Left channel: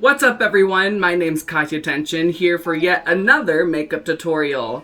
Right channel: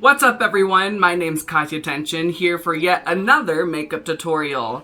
What's up everyone, my name's Kahtya Tehnsion here for yet another makeup tutorial.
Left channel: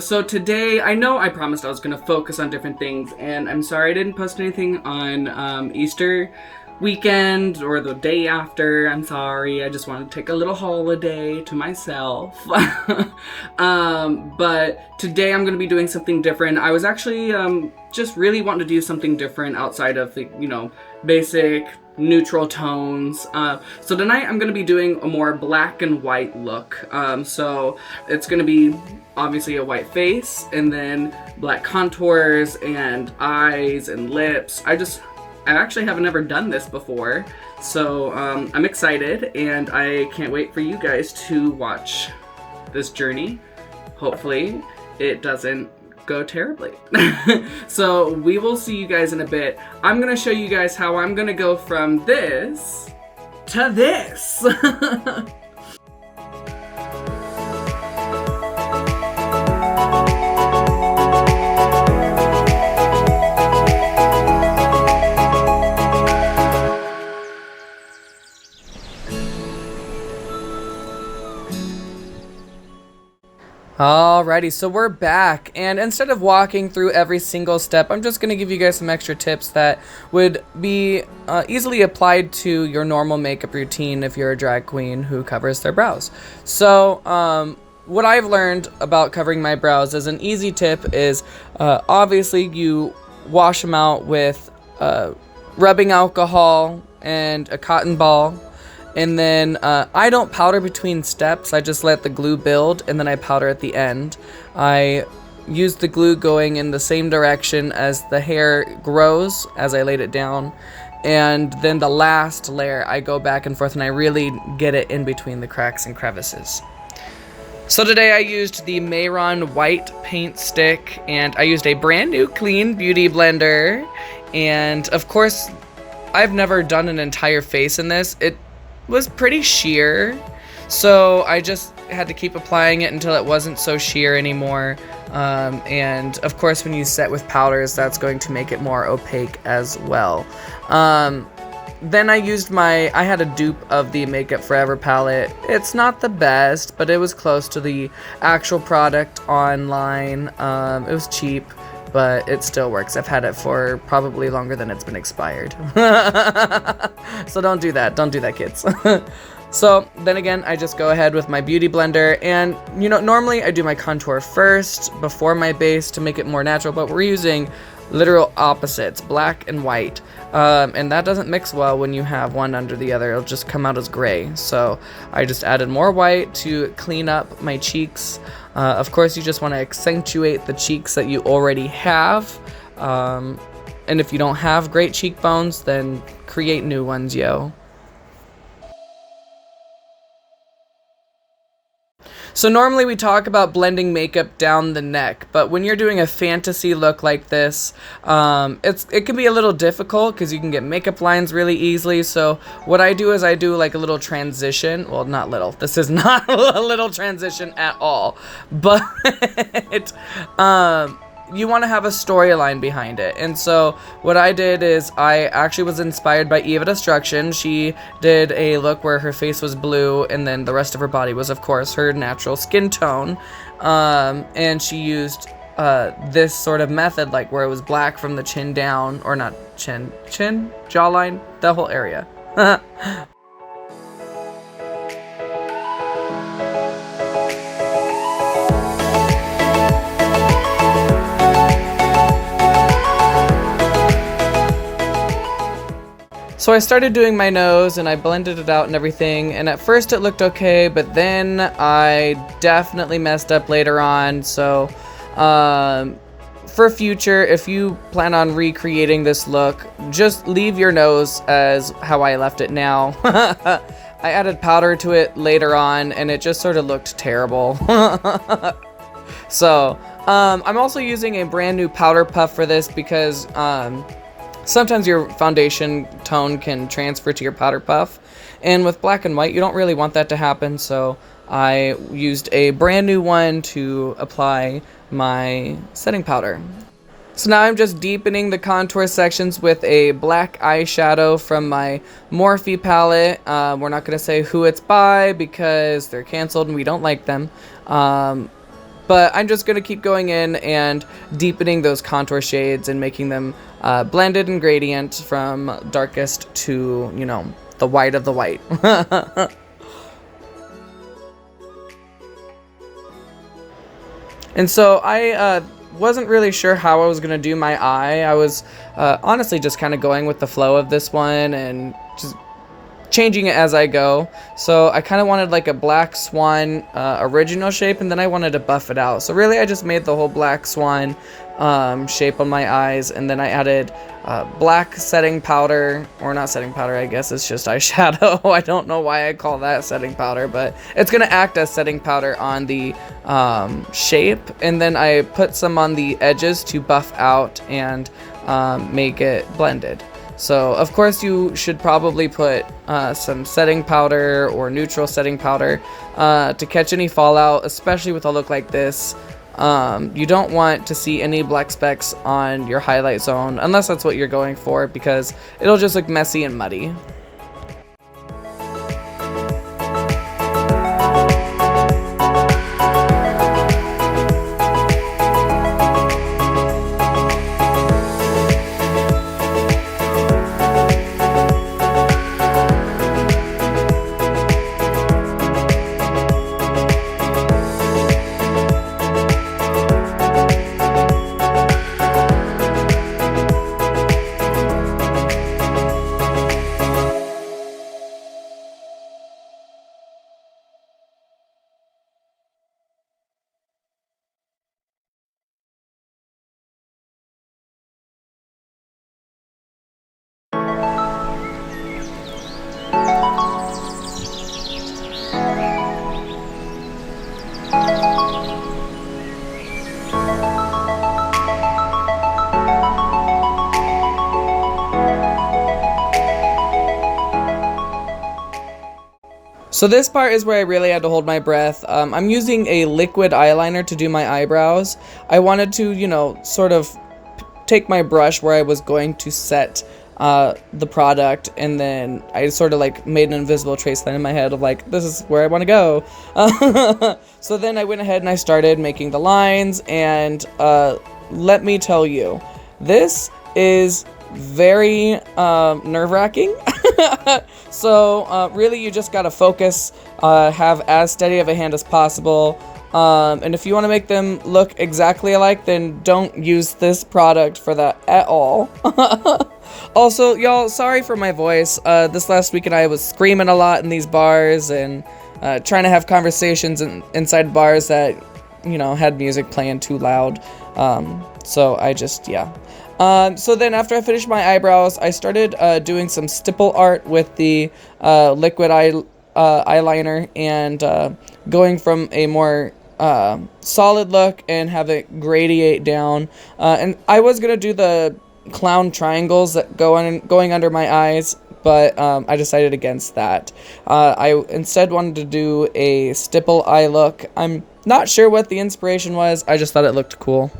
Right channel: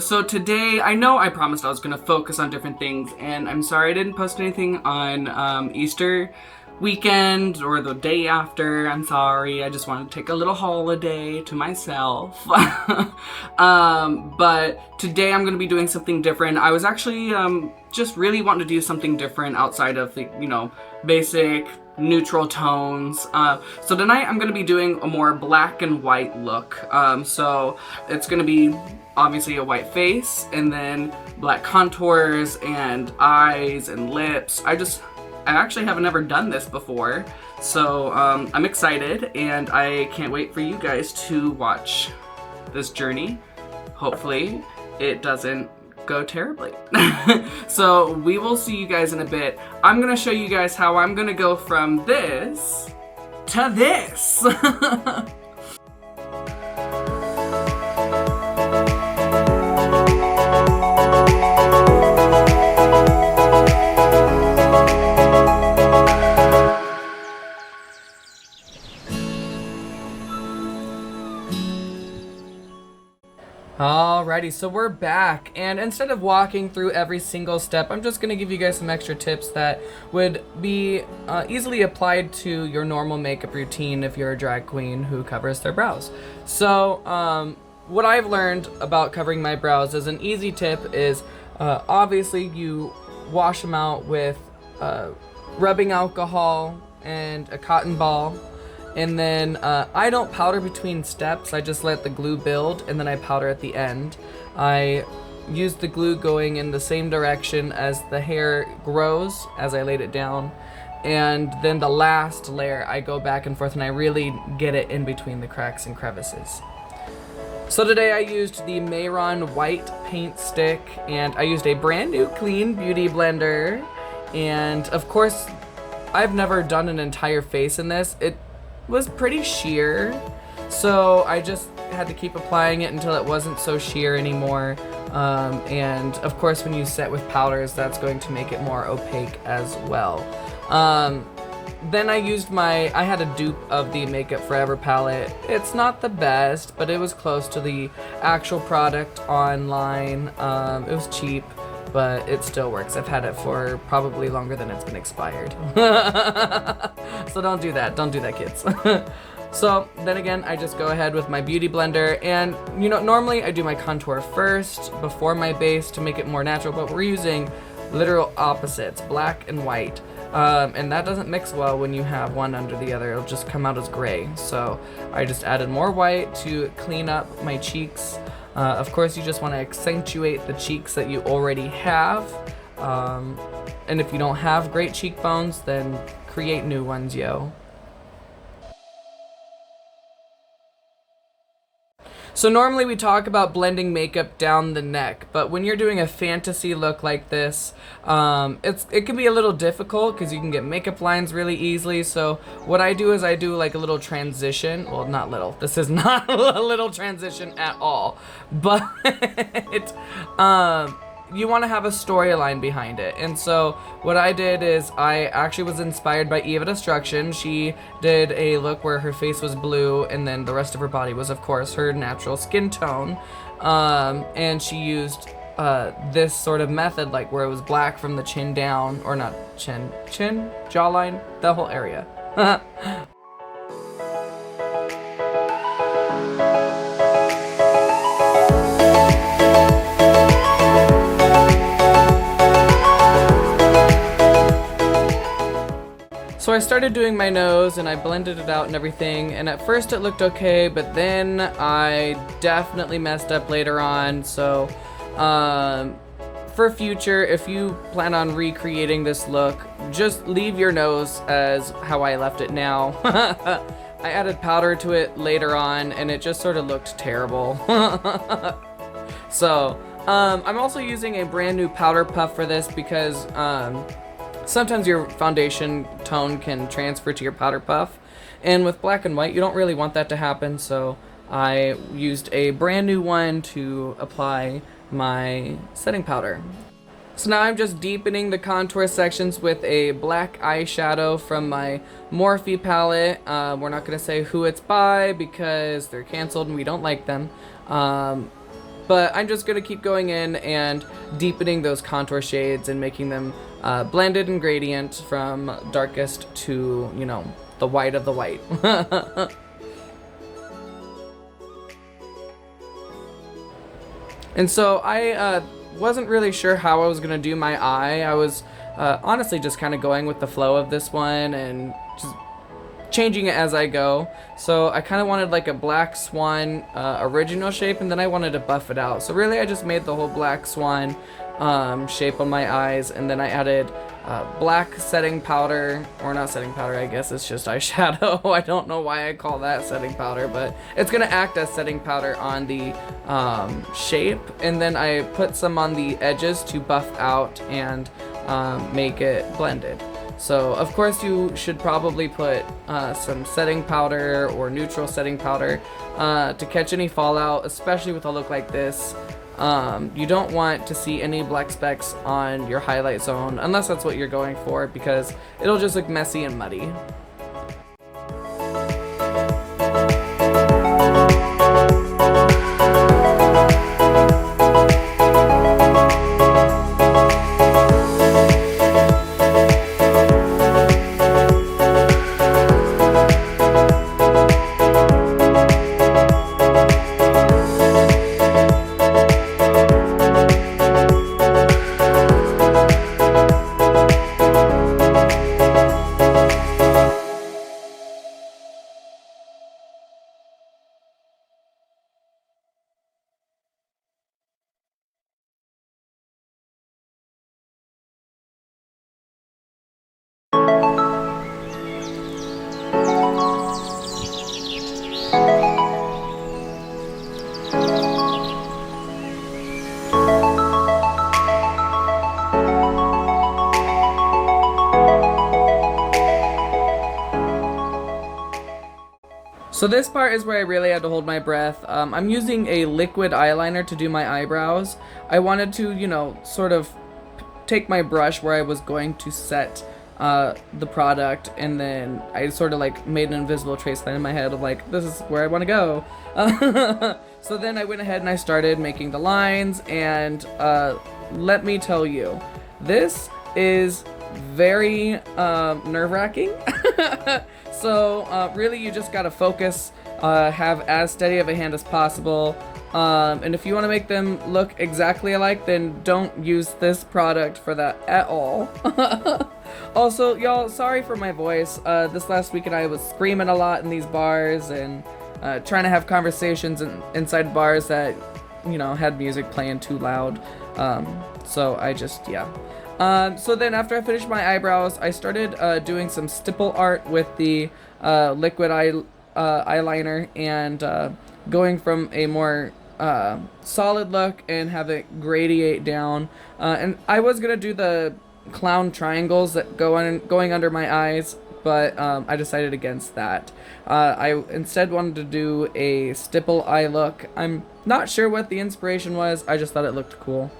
So today, I know I promised I was going to focus on different things, and I'm sorry I didn't post anything on Easter weekend or the day after. I'm sorry, I just wanted to take a little holiday to myself. But today I'm going to be doing something different. I was actually just really wanting to do something different outside of the, basic neutral tones. So tonight I'm going to be doing a more black and white look. So it's going to be obviously a white face and then black contours and eyes and lips. I actually haven't ever done this before, so I'm excited and I can't wait for you guys to watch this journey. Hopefully it doesn't go terribly. So we will see you guys in a bit. I'm gonna show you guys how I'm gonna go from this to this. Alrighty, so we're back, and instead of walking through every single step, I'm just going to give you guys some extra tips that would be easily applied to your normal makeup routine if you're a drag queen who covers their brows. So, what I've learned about covering my brows as an easy tip is, obviously you wash them out with rubbing alcohol and a cotton ball. And then I don't powder between steps. I just let the glue build and then I powder at the end. I use the glue going in the same direction as the hair grows as I laid it down. And then the last layer I go back and forth and I really get it in between the cracks and crevices. So today I used the Mayron white paint stick and I used a brand new clean beauty blender. And of course, I've never done an entire face in this. It was pretty sheer, so I just had to keep applying it until it wasn't so sheer anymore. And of course when you set with powders, that's going to make it more opaque as well. Then I had a dupe of the Makeup Forever palette. It's not the best, but it was close to the actual product online. It was cheap, but it still works. I've had it for probably longer than it's been expired. So don't do that, kids. So then again, I just go ahead with my beauty blender, and normally I do my contour first before my base to make it more natural, but we're using literal opposites, black and white. And that doesn't mix well when you have one under the other. It'll just come out as gray. So I just added more white to clean up my cheeks. Of course, you just want to accentuate the cheeks that you already have. And if you don't have great cheekbones, then create new ones, yo. So normally we talk about blending makeup down the neck, but when you're doing a fantasy look like this, it can be a little difficult because you can get makeup lines really easily. So what I do is I do like a little transition. Well, not little. This is not a little transition at all, but you want to have a storyline behind it. And so what I did is I actually was inspired by Eva Destruction. She did a look where her face was blue and then the rest of her body was, of course, her natural skin tone. And she used this sort of method, like where it was black from the chin down, or not chin, jawline, the whole area. So I started doing my nose and I blended it out and everything, and at first it looked okay, but then I definitely messed up later on. So for future, if you plan on recreating this look, just leave your nose as how I left it now. I added powder to it later on and it just sort of looked terrible. So I'm also using a brand new powder puff for this because sometimes your foundation tone can transfer to your powder puff, and with black and white you don't really want that to happen, so I used a brand new one to apply my setting powder. So now I'm just deepening the contour sections with a black eyeshadow from my Morphe palette. We're not going to say who it's by because they're canceled and we don't like them. But I'm just going to keep going in and deepening those contour shades and making them blended and gradient from darkest to, you know, the white of the white. And so I wasn't really sure how I was going to do my eye. I was honestly just kind of going with the flow of this one and just changing it as I go. So I kind of wanted like a black swan original shape, and then I wanted to buff it out. So really I just made the whole black swan shape on my eyes, and then I added black setting powder, or not setting powder, I guess it's just eyeshadow. I don't know why I call that setting powder, but it's gonna act as setting powder on the shape, and then I put some on the edges to buff out and make it blended. So of course you should probably put some setting powder or neutral setting powder to catch any fallout, especially with a look like this. You don't want to see any black specks on your highlight zone unless that's what you're going for, because it'll just look messy and muddy. So this part is where I really had to hold my breath. I'm using a liquid eyeliner to do my eyebrows. I wanted to, you know, sort of take my brush where I was going to set the product, and then I sort of like made an invisible trace line in my head of like, this is where I want to go. So then I went ahead and I started making the lines, and let me tell you, this is very nerve-wracking. So really you just gotta focus, have as steady of a hand as possible, and if you want to make them look exactly alike, then don't use this product for that at all. Also, y'all, sorry for my voice. This last weekend I was screaming a lot in these bars and trying to have conversations inside bars that, you know, had music playing too loud. So I just, yeah. So then after I finished my eyebrows, I started doing some stipple art with the liquid eyeliner, and going from a more solid look and have it gradiate down. And I was going to do the clown triangles that going under my eyes, but I decided against that. I instead wanted to do a stipple eye look. I'm not sure what the inspiration was, I just thought it looked cool.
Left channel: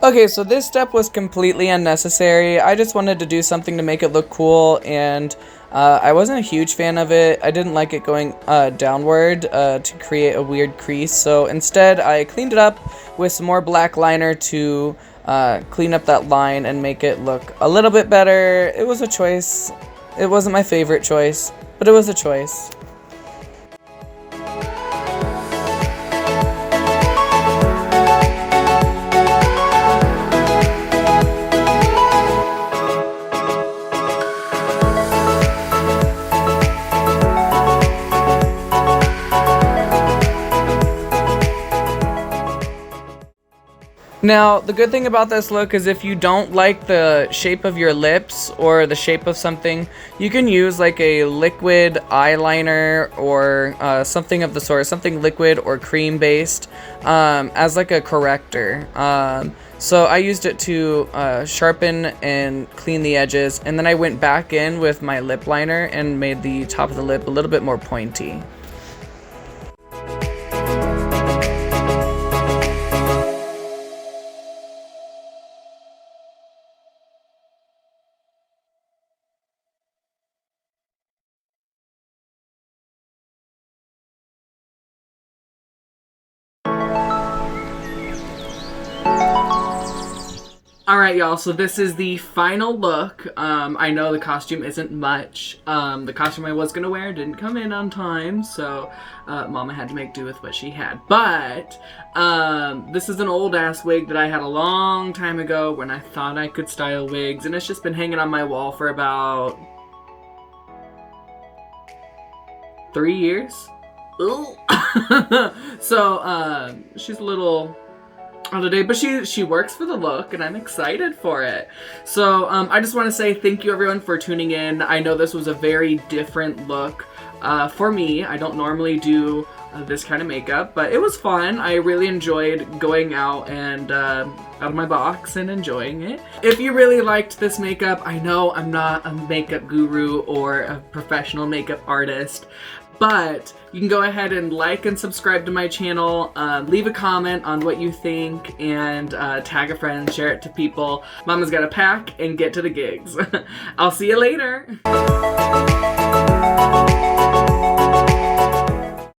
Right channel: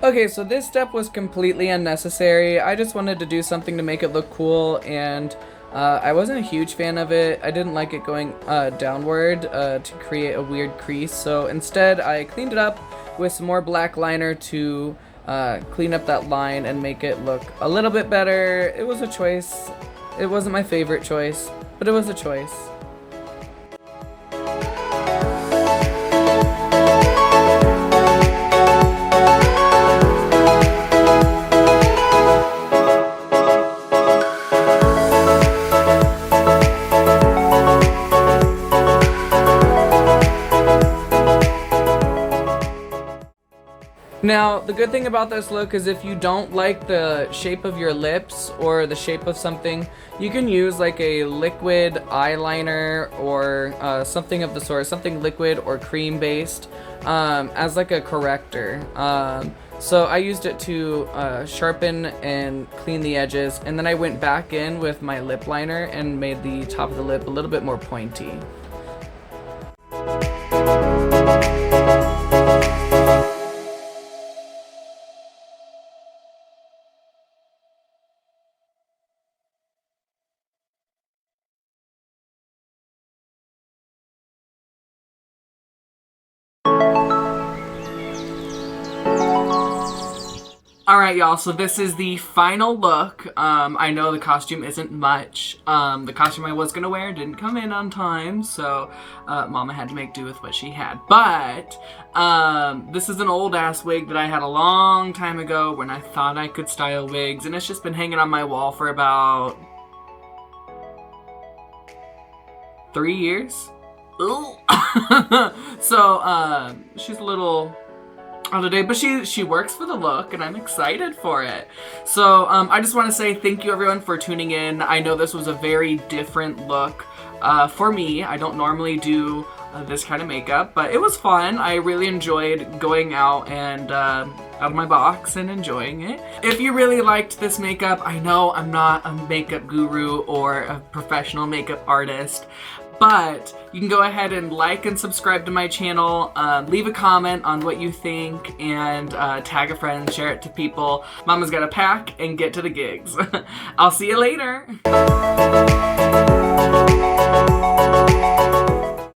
Okay, so this step was completely unnecessary. I just wanted to do something to make it look cool, and I wasn't a huge fan of it. I didn't like it going downward to create a weird crease, so instead I cleaned it up with some more black liner to clean up that line and make it look a little bit better. It was a choice. It wasn't my favorite choice, but it was a choice. Now, the good thing about this look is if you don't like the shape of your lips or the shape of something, you can use like a liquid eyeliner or something of the sort, something liquid or cream based as like a corrector. So I used it to sharpen and clean the edges, and then I went back in with my lip liner and made the top of the lip a little bit more pointy. Alright, y'all, so this is the final look. I know the costume isn't much. The costume I was gonna wear didn't come in on time, so Mama had to make do with what she had. But this is an old-ass wig that I had a long time ago when I thought I could style wigs, and it's just been hanging on my wall for about 3 years. Ooh. So, she's a little on the day, but she works for the look, and I'm excited for it. So I just want to say thank you everyone for tuning in. I know this was a very different look for me. I don't normally do this kind of makeup, but it was fun. I really enjoyed going out and out of my box and enjoying it. If you really liked this makeup, I know I'm not a makeup guru or a professional makeup artist, but you can go ahead and like and subscribe to my channel, leave a comment on what you think, and tag a friend, share it to people. Mama's gotta pack and get to the gigs. I'll see you later.